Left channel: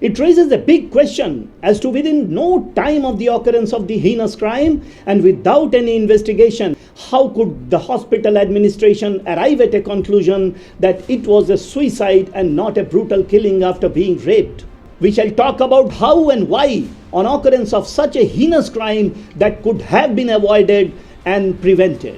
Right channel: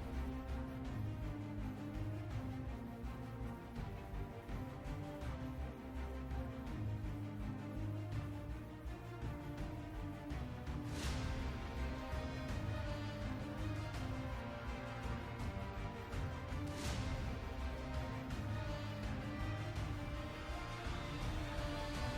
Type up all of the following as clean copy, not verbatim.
It raises a big question as to within no time of the occurrence of the heinous crime and without any investigation, how could the hospital administration arrive at a conclusion that it was a suicide and not a brutal killing after being raped? We shall talk about how and why on occurrence of such a heinous crime that could have been avoided and prevented.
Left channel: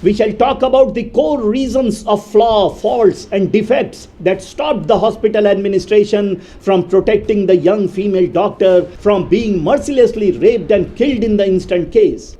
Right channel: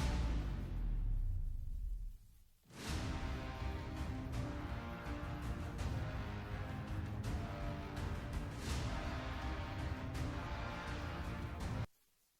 We shall talk about the core reasons of flaw, faults and defects that stopped the hospital administration from protecting the young female doctor from being mercilessly raped and killed in the instant case.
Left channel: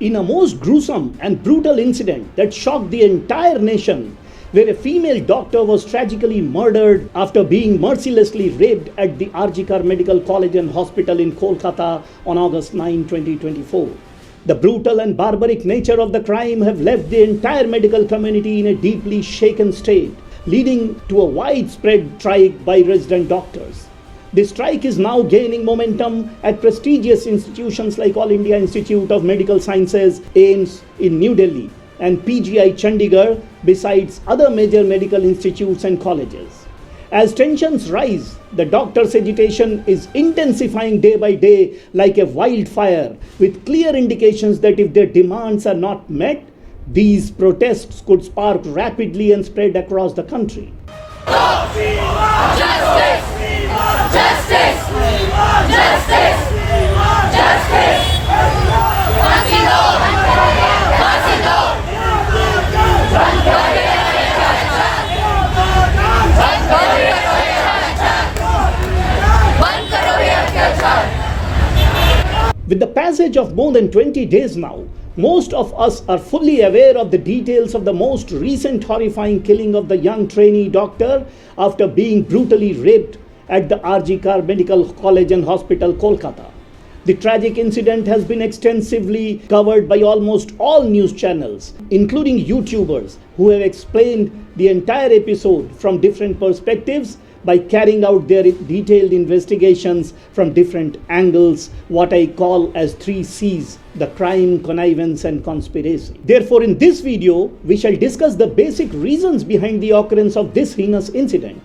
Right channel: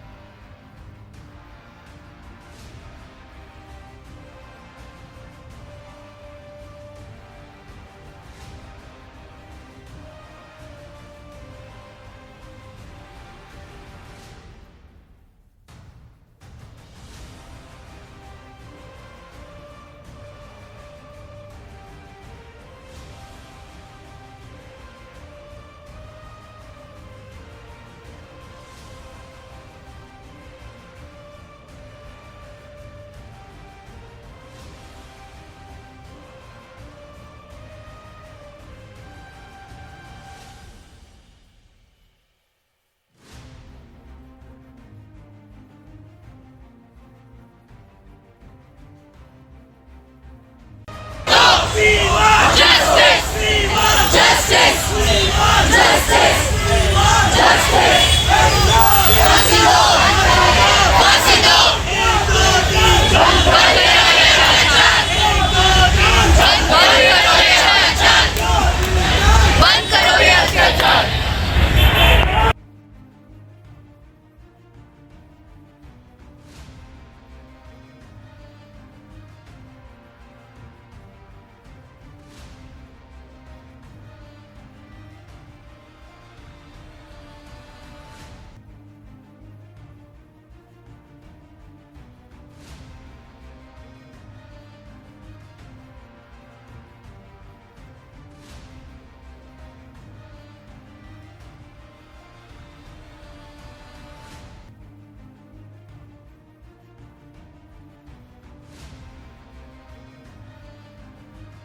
In a most gruesome and brutal incident that shocked the entire nation, where a female doctor was tragically murdered after being mercilessly raped at the RGKar Medical College and Hospital in Kolkata on August 9, 2024. The brutal and barbaric nature of the crime have left the entire medical community in a deeply shaken state, leading to a widespread strike by resident doctors. This strike is now gaining momentum at prestigious institutions like All India Institute of Medical Sciences, AIIMS in New Delhi, and PGI Chandigarh, besides other major medical institutes and colleges. As tensions rise, the doctors' agitation is intensifying day by day like a wildfire, with clear indications that if their demands are not met, these protests could spark rapidly and spread across the country. Justice! Justice! Justice! Justice! With the passage of more than 20 days now, most of us are fully aware of the details of the most recent horrifying killing of the young trainee doctor after being brutally raped at the RGKar Medical College and Hospital, Kolkata. The tragic incident has been extensively covered by almost all news channels, including YouTubers who have explained the entire episode from different perspectives by carrying out their detailed investigations from different angles, what I call as 3 C's, the crime, connivance and conspiracy. Therefore, in this video, we shall discuss the basic reasons behind the occurrence of this heinous incident.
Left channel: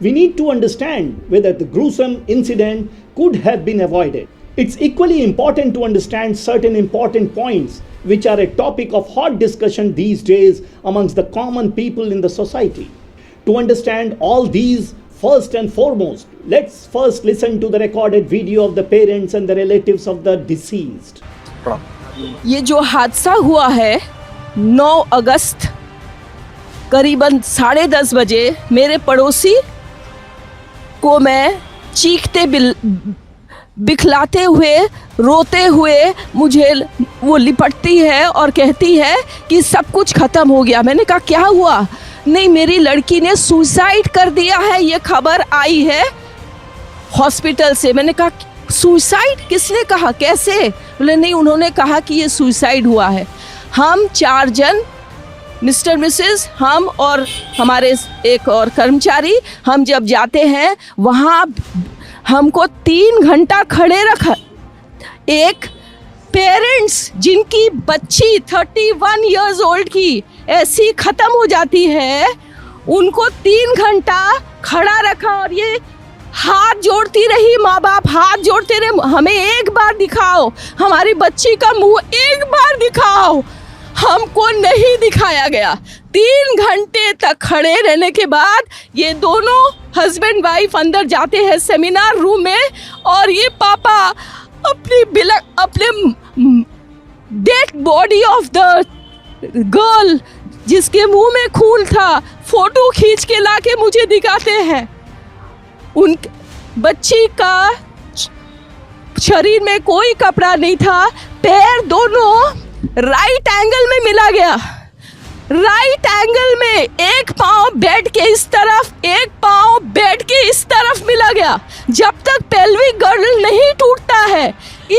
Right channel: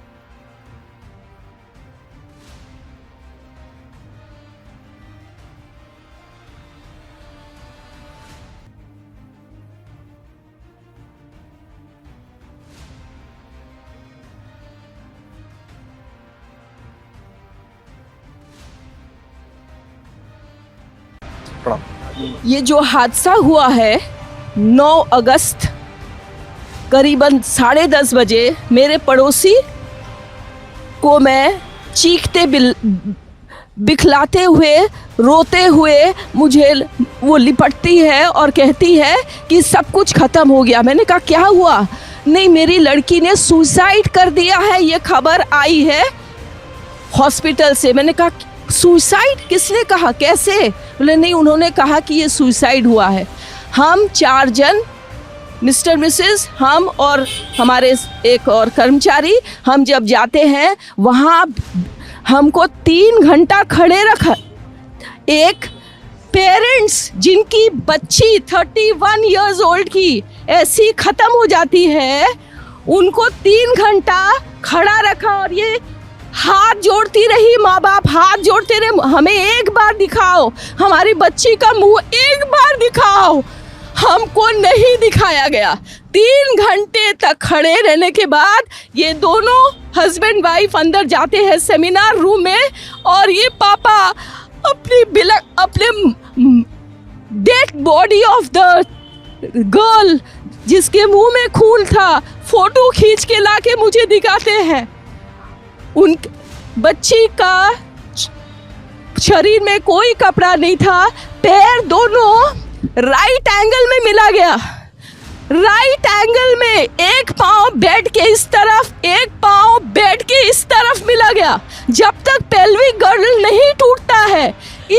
We need to understand whether the gruesome incident could have been avoided. It's equally important to understand certain important points which are a topic of hot discussion these days amongst the common people in the society. To understand all these, first and foremost, let's first listen to the recorded video of the parents and the relatives of the deceased. ये जो हादसा हुआ है 9 अगस्त करीबन 10:30 बजे, मेरे पड़ोसी को मैं चीखते बिखलाते हुए, रोते हुए मुझे वो लिपटती है और कहती है कि सब कुछ ख़त्म हो गया। मैंने कहा क्या हुआ? नहीं, मेरी लड़की ने सुसाइड कर दिया है, ये खबर आई है हॉस्पिटल से। मैंने कहा सुसाइड? किसने कहा, कैसे? बोले नहीं, उन्होंने कहा कि ये सुसाइड हुआ है। हम 4 जन, मिस्टर मिसेस, हम और हमारे एक और कर्मचारी, हम जब जाते हैं वहाँ हमको 3 घंटा खड़े रखा। एक पेरेंट्स जिनकी बच्ची 31 इयर्स ओल्ड की ऐसी ख़त्म हो जाती है, उनको 3 घंटा खड़ा रखा और ये हाथ जोड़ती रही, माँ बाप हाथ जोड़ते रहे, हमें एक बार दिखाओ, हमारी बच्ची का मुंह एक बार दिखाओ। हमको नहीं दिखाया गया। 3 घंटे तक खड़े रहने के बाद ये दोनों हस्बैंड वाइफ अंदर जाते हैं सेमिनार रूम में और ये पापा अपने dead body of the girl जिसके मुंह में खून था, फोटो खींच के लाके मुझे दिखाते हैं। उन बच्ची का शरीर में कोई कपड़ा नहीं था, पैर दोनों राइट एंगल में मिला गया। राइट एंगल में एक पाँव बेड के इस तरफ, एक पाँव बेड के इस तरफ मिला गया। जब तक पेल्विक गर्डल नहीं टूटता है,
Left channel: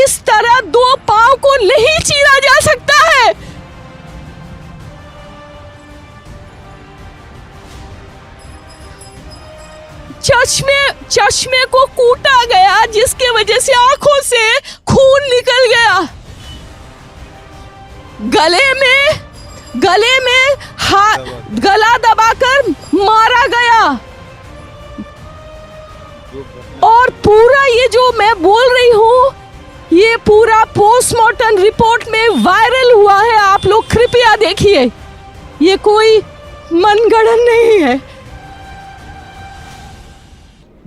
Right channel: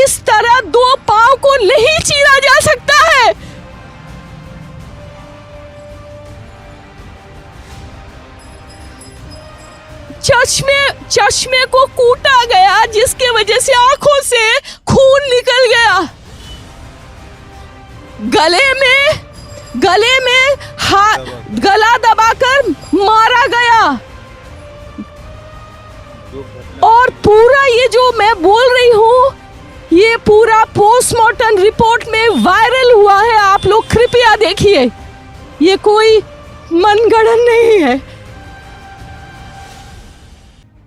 इस तरह 2 पाँव को नहीं चीरा जा सकता है। चश्मे को कूटा गया जिसके वजह से आंखों से खून निकल गया। गले में गला दबाकर मारा गया। और पूरा ये जो मैं बोल रही हूँ, ये पूरा पोस्टमार्टम रिपोर्ट में वायरल हुआ है। आप लोग कृपया देखिए, ये कोई मनगढ़ंत नहीं है।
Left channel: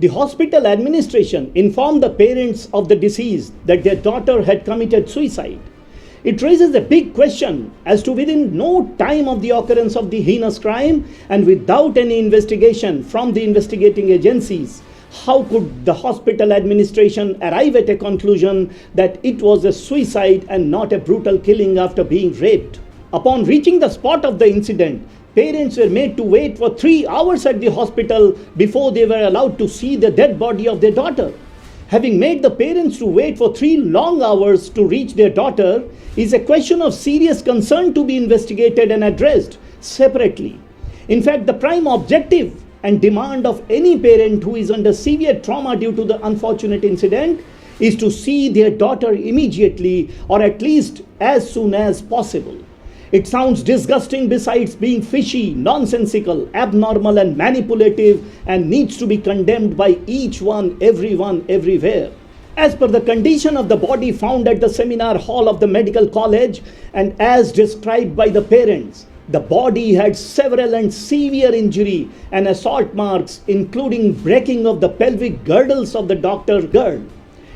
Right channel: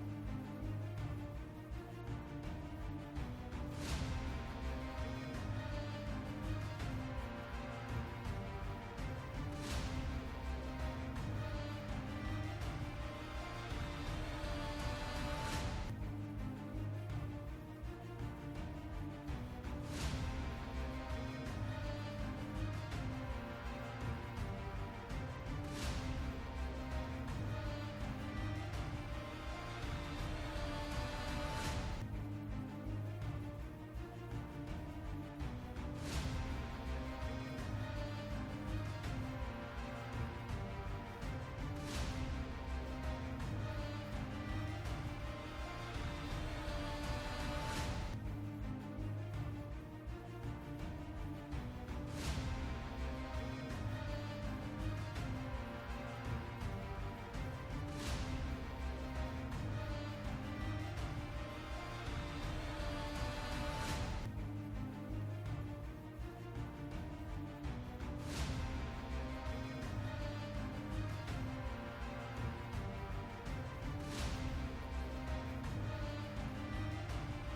The hospital administration informed the parents of the deceased that their daughter had committed suicide. It raises a big question as to within no time of the occurrence of the heinous crime and without any investigation from the investigating agencies, how could the hospital administration arrive at a conclusion that it was a suicide and not a brutal killing after being raped? Upon reaching the spot of the incident, parents were made to wait for 3 hours at the hospital before they were allowed to see the dead body of their daughter. Having made the parents to wait for 3 long hours to reach their daughter is a question of serious concern to be investigated and addressed separately. In fact, the prime objective and demand of any parent who is under severe trauma due to the unfortunate incident is to see their daughter immediately or at least as soon as possible. It sounds disgusting besides being fishy, nonsensical, abnormal and manipulative and needs to be condemned by each one, everyone, everywhere. As per the condition of the body found at the seminar hall of the medical college and as described by the parents, the body had several and severe injury and assault marks including breaking of the pelvic girdles of the doctor's girl.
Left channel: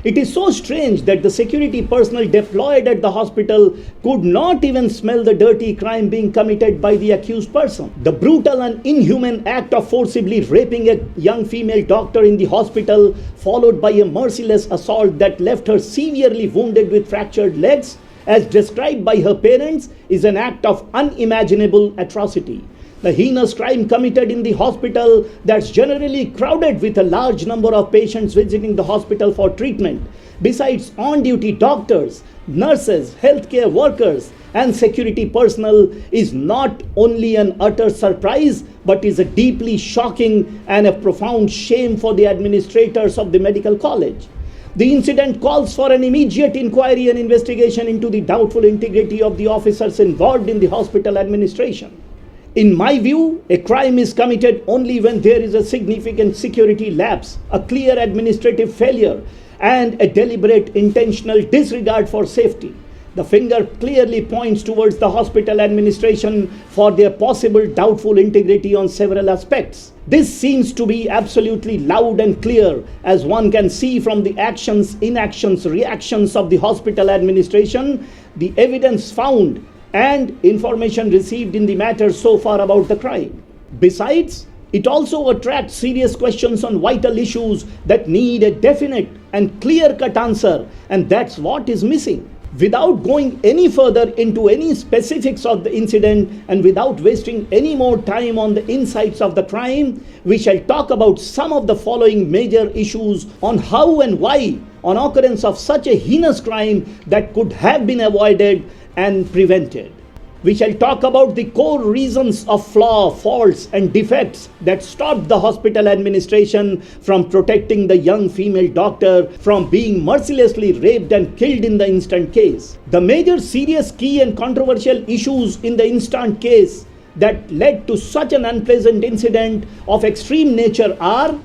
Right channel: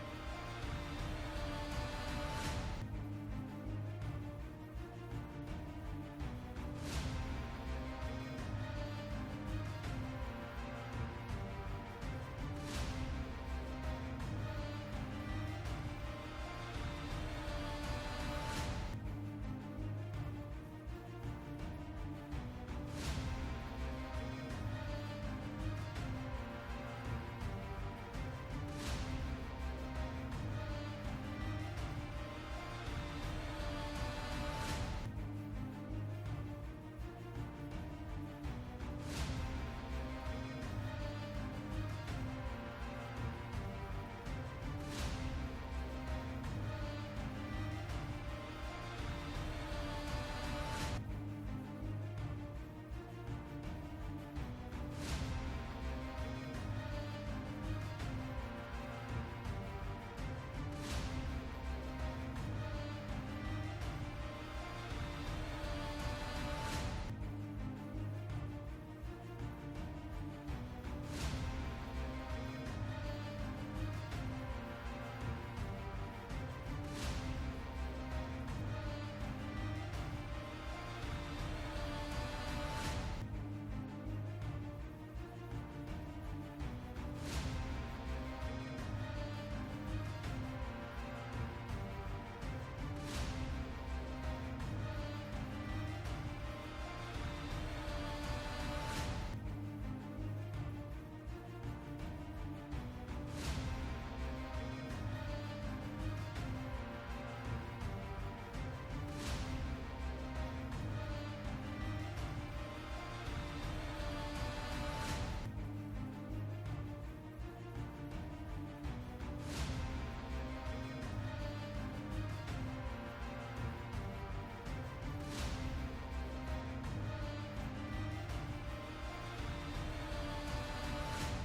It is so strange that the security personnel deployed at the hospital could not even smell the dirty crime being committed by the accused person. The brutal and inhuman act of forcibly raping a young female doctor in the hospital, followed by a merciless assault that left her severely wounded with fractured legs, as described by her parents, is an act of unimaginable atrocity. The heinous crime committed in the hospital that's generally crowded with a large number of patients visiting the hospital for treatment, besides on-duty doctors, nurses, healthcare workers, and security personnel, is not only an utter surprise, but is a deeply shocking and a profound shame for the administrators of the medical college. The incident calls for an immediate inquiry and investigation into the doubtful integrity of the officers involved in the hospital administration. In my view, a crime is committed only when there is a significant security lapse, a clear administrative failure, and a deliberate intentional disregard for safety. The finger clearly points towards the hospital administration for their possible doubtful integrity on several aspects. This seems to be absolutely loud and clear, as one can see from the actions, inactions, reactions of the hospital administration, the evidence found, and information received in the matter so far about the crime. Besides, it also attracts serious questions on vital issues that need a definite and clear-cut answer, and that's what is missing. Without going any further into any specifics of the incident and without wasting any more time on the insights of the crime, we shall talk about some of the following major issues on how and why, on occurrence of such a heinous crime, that could have been avoided and prevented. We shall talk about the core reasons of flaw, faults, and defects that stopped the hospital administration from protecting the young female doctor from being mercilessly raped and killed in the instant case. The major serious, key, and controversial issues in the instant case that led to such an unpleasant incident of extreme nature are:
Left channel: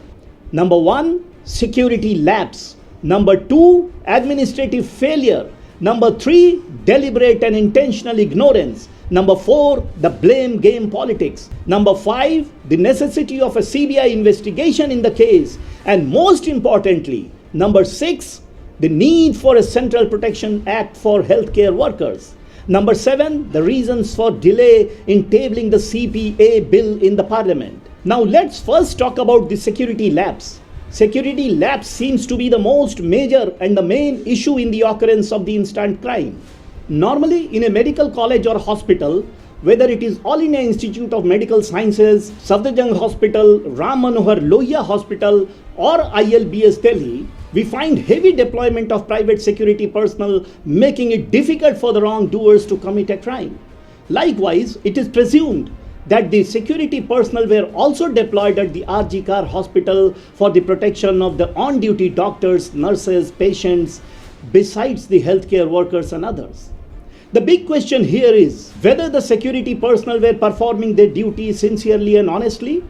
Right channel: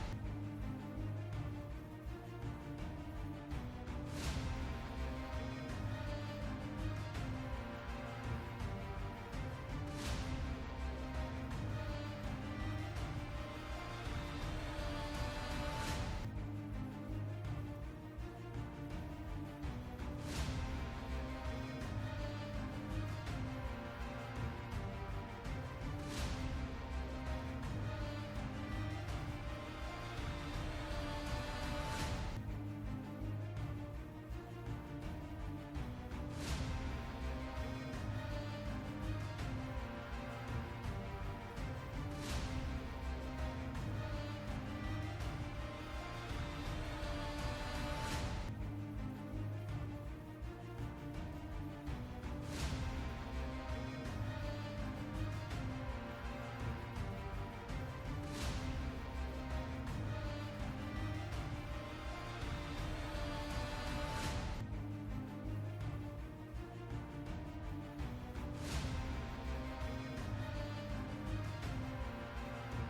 number 1, security lapse; number 2, administrative failure; number 3, deliberate and intentional ignorance; number 4, the blame game politics; number 5, the necessity of a CBI investigation in the case; and most importantly, number 6, the need for a Central Protection Act for healthcare workers; number 7, the reasons for delay in tabling the CPA bill in the parliament. Now let's first talk about the security lapse. Security lapse seems to be the most major and the main issue in the occurrence of the instant crime. Normally, in a medical college or hospital, whether it is All India Institute of Medical Sciences, Safdarjung Hospital, Ram Manohar Lohia Hospital, or ILBS Delhi, we find heavy deployment of private security personnel, making it difficult for the wrongdoers to commit a crime. Likewise, it is presumed that the security personnel were also deployed at the RG Kar Hospital for the protection of the on-duty doctors, nurses, patients, besides the healthcare workers and others. The big question here is whether the security personnel were performing their duty sincerely and honestly,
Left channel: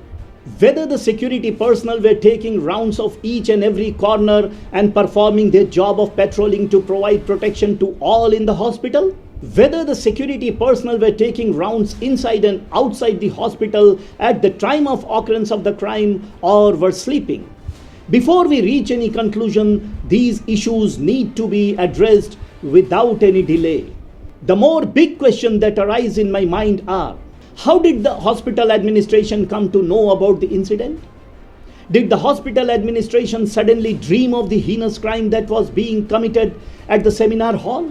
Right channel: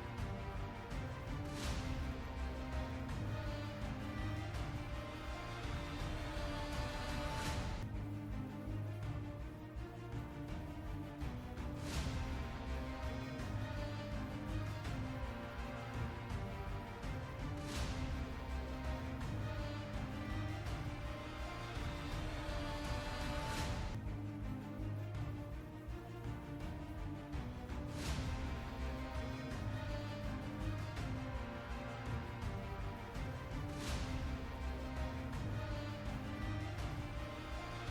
whether the security personnel were taking rounds of each and every corner and performing their job of patrolling to provide protection to all in the hospital, whether the security personnel were taking rounds inside and outside the hospital at the time of occurrence of the crime or were sleeping. Before we reach any conclusion, these issues need to be addressed without any delay. The more big questions that arise in my mind are, how did the hospital administration come to know about the incident? Did the hospital administration suddenly dream of the heinous crime that was being committed at the seminar hall?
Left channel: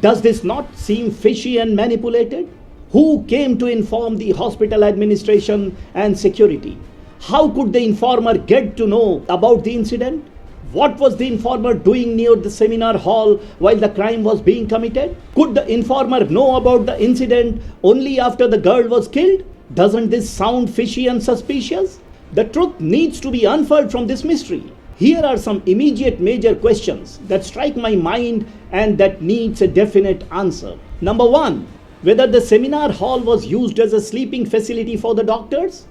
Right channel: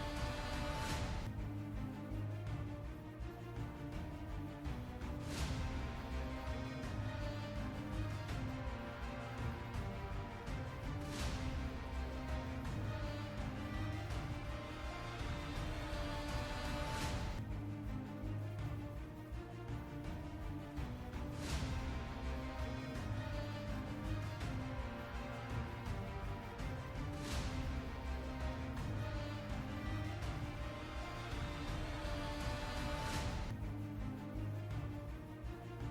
Does this not seem fishy and manipulated? Who came to inform the hospital administration and security? How could the informer get to know about the incident? What was the informer doing near the seminar hall while the crime was being committed? Could the informer know about the incident only after the girl was killed? Doesn't this sound fishy and suspicious? The truth needs to be unfurled from this mystery. Here are some immediate major questions that strike my mind and that needs a definite answer. Number one, whether the seminar hall was used as a sleeping facility for the doctors?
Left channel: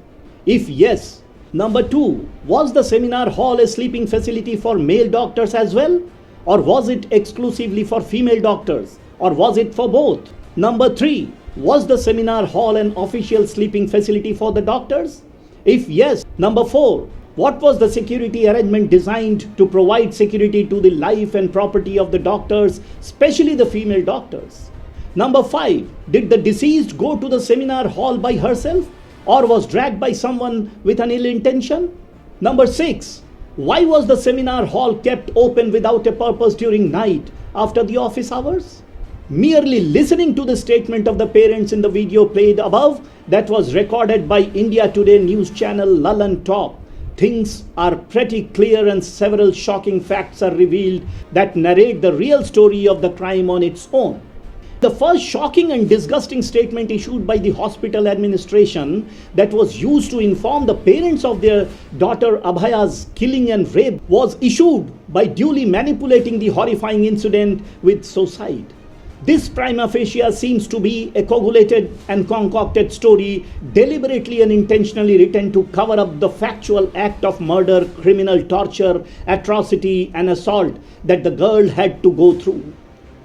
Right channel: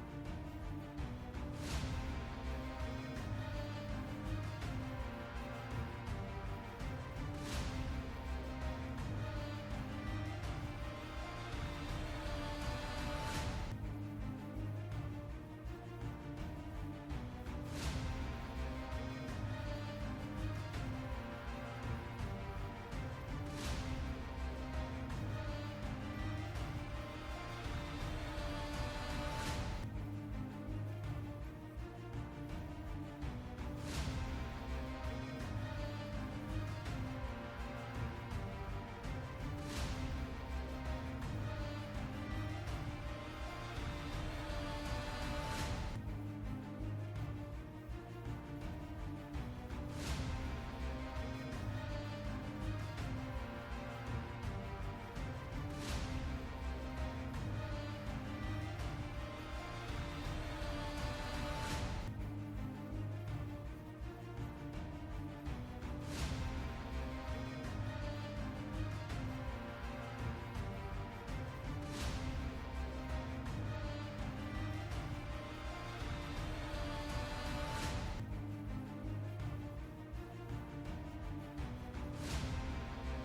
If yes, number two, was the seminar hall a sleeping facility for male doctors as well? Or was it exclusively for female doctors? Or was it for both? Number three, was the seminar hall an official sleeping facility for the doctors? If yes, number four, what was the security arrangement designed to provide security to the life and property of the doctors, especially the female doctors? Number five, did the deceased go to the seminar hall by herself or was dragged by someone with an ill intention? Number six, why was the seminar hall kept open without a purpose during night after the office hours? Merely listening to the statement of the parents in the video played above that was recorded by India Today news channel Lallantop, things are pretty clear and several shocking facts are revealed that narrate the real story of the crime on its own. The first shocking and disgusting statement issued by the hospital administration that was used to inform the parents of their daughter Abhaya's killing and rape was issued by duly manipulating the horrifying incident with suicide. This prima facie seems to be a coagulated and concocted story deliberately and intentionally written to cover up the factual act of murder, criminal torture, atrocity and assault that the girl had to go through.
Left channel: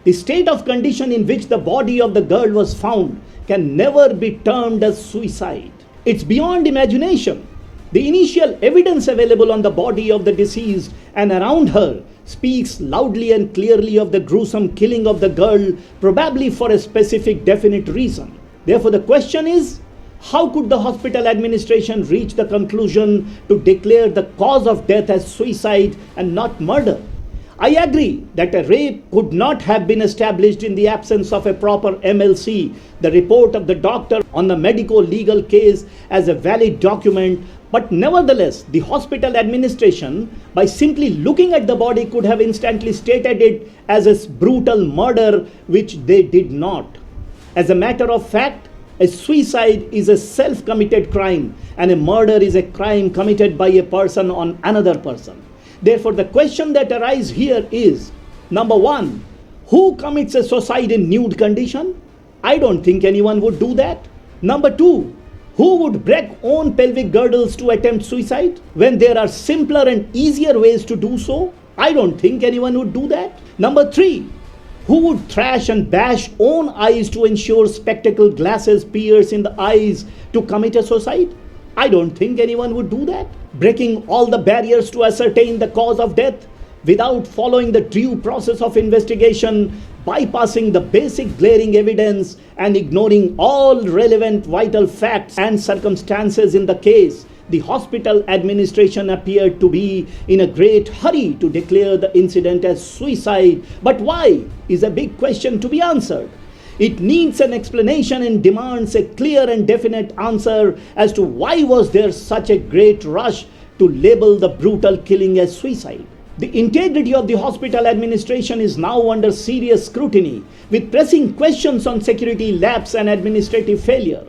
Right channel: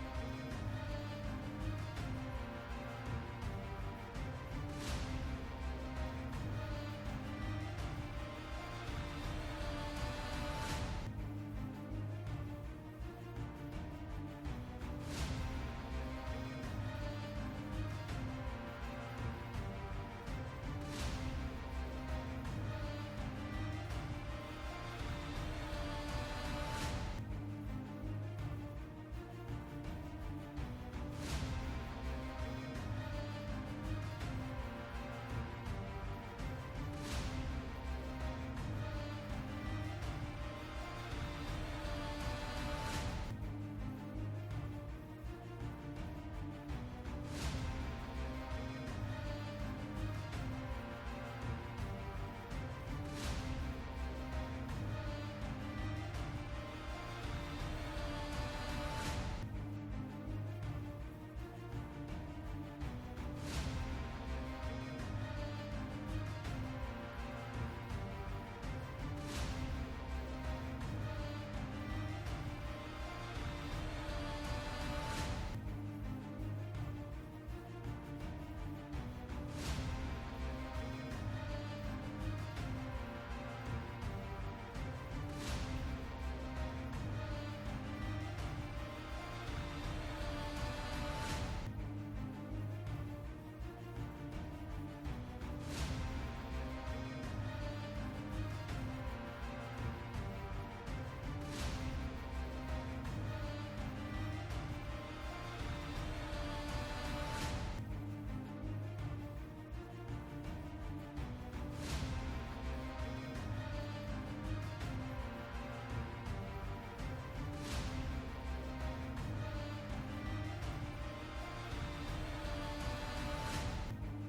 The state of condition in which the body of the girl was found can never be termed as suicide. It's beyond imagination. The initial evidence available on the body of the deceased and around her speaks loudly and clearly of the gruesome killing of the girl, probably for a specific definite reason. Therefore, the question is, how could the hospital administration reach the conclusion to declare the cause of death as suicide and not murder? I agree that a rape could not have been established in the absence of a proper MLC, the report of the doctor on the medico-legal case, as a valid document, but nevertheless, the hospital administration, by simply looking at the body, could have instantly stated it as a brutal murder, which they did not. As a matter of fact, a suicide is a self-committed crime, and a murder is a crime committed by a person on another person. Therefore, the question that arises here is, number one, who commits a suicide in nude condition? I don't think anyone would do that. Number two, who would break own pelvic girdles to attempt suicide when there are simpler and easier ways to do so? I don't think anyone would do that. Number three, who would thrash and bash own eyes to ensure spectacle glasses pierce in the eyes to commit a suicide? I don't think anyone would do that. Breaking all the barriers to ascertain the cause of death without following the due process of investigation, bypassing the basic glaring evidence and ignoring all relevant vital facts and circumstances in the case, the hospital administration appeared to be in a great hurry to declare the incident as suicide. But why is a big question to be answered. It needs an explanation and demands a clear and definite answer as to why was there such a great rush to label the brutal killing as suicide. The integrity of the hospital administration is now under serious scrutiny, with pressing questions on security lapse and administrative failure.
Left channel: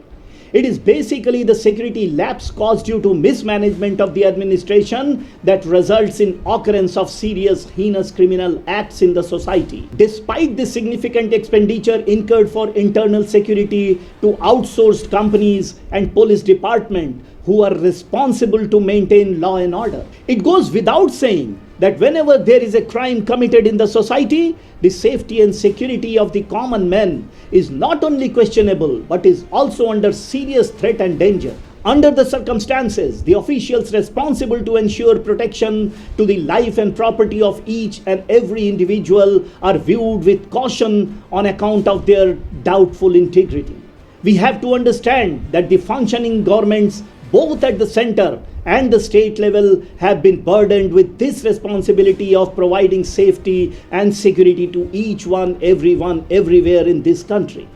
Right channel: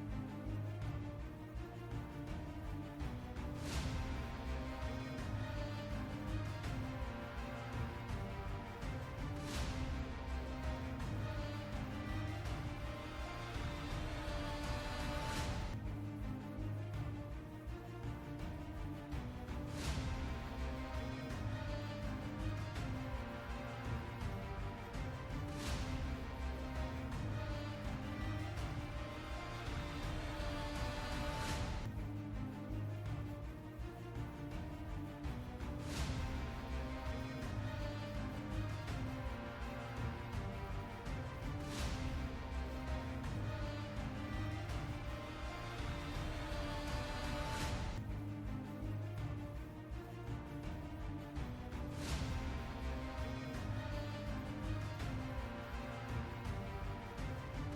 It is basically the security lapse caused due to mismanagement of the administration that results in occurrence of serious heinous criminal acts in the society. Despite the significant expenditure incurred for internal security to outsourced companies and police department who are responsible to maintain law and order, it goes without saying that whenever there is a crime committed in the society, the safety and security of the common man is not only questionable but is also under serious threat and danger. Under the circumstances, the officials responsible to ensure protection to the life and property of each and every individual are viewed with caution on account of their doubtful integrity. We have to understand that the functioning governments, both at the center and the state level, have been burdened with this responsibility of providing safety and security to each one, everyone, everywhere in this country.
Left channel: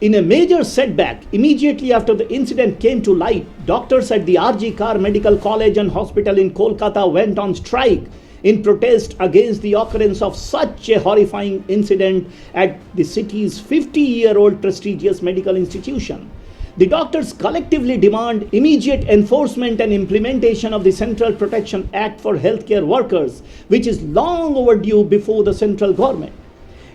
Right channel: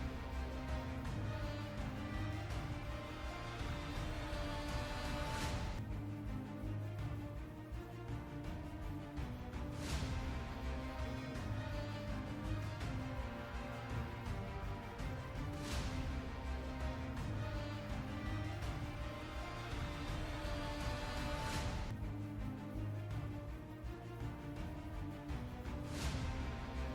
In a major setback, immediately after the incident came to light, doctors at the RG Kar Medical College and Hospital in Kolkata went on strike in protest against the occurrence of such a horrifying incident at the city's 50-year-old prestigious medical institution. The doctors collectively demand immediate enforcement and implementation of the Central Protection Act for healthcare workers, which is long overdue before the central government.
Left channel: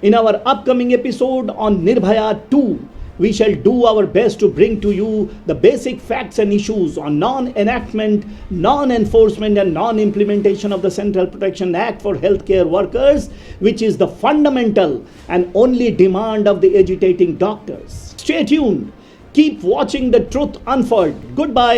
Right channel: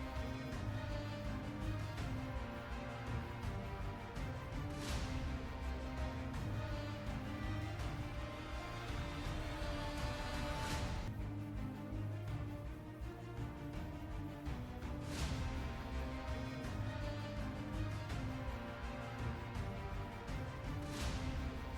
In our upcoming episode on Nirbhaya 2, we shall do our best to bring to you the basic facts and issues on non-enactment, non-enforcement and non-implementation of the Central Protection Act for healthcare workers, which is the fundamental and only demand of the agitating doctors. Stay tuned. Keep watching the truth unfold. Goodbye.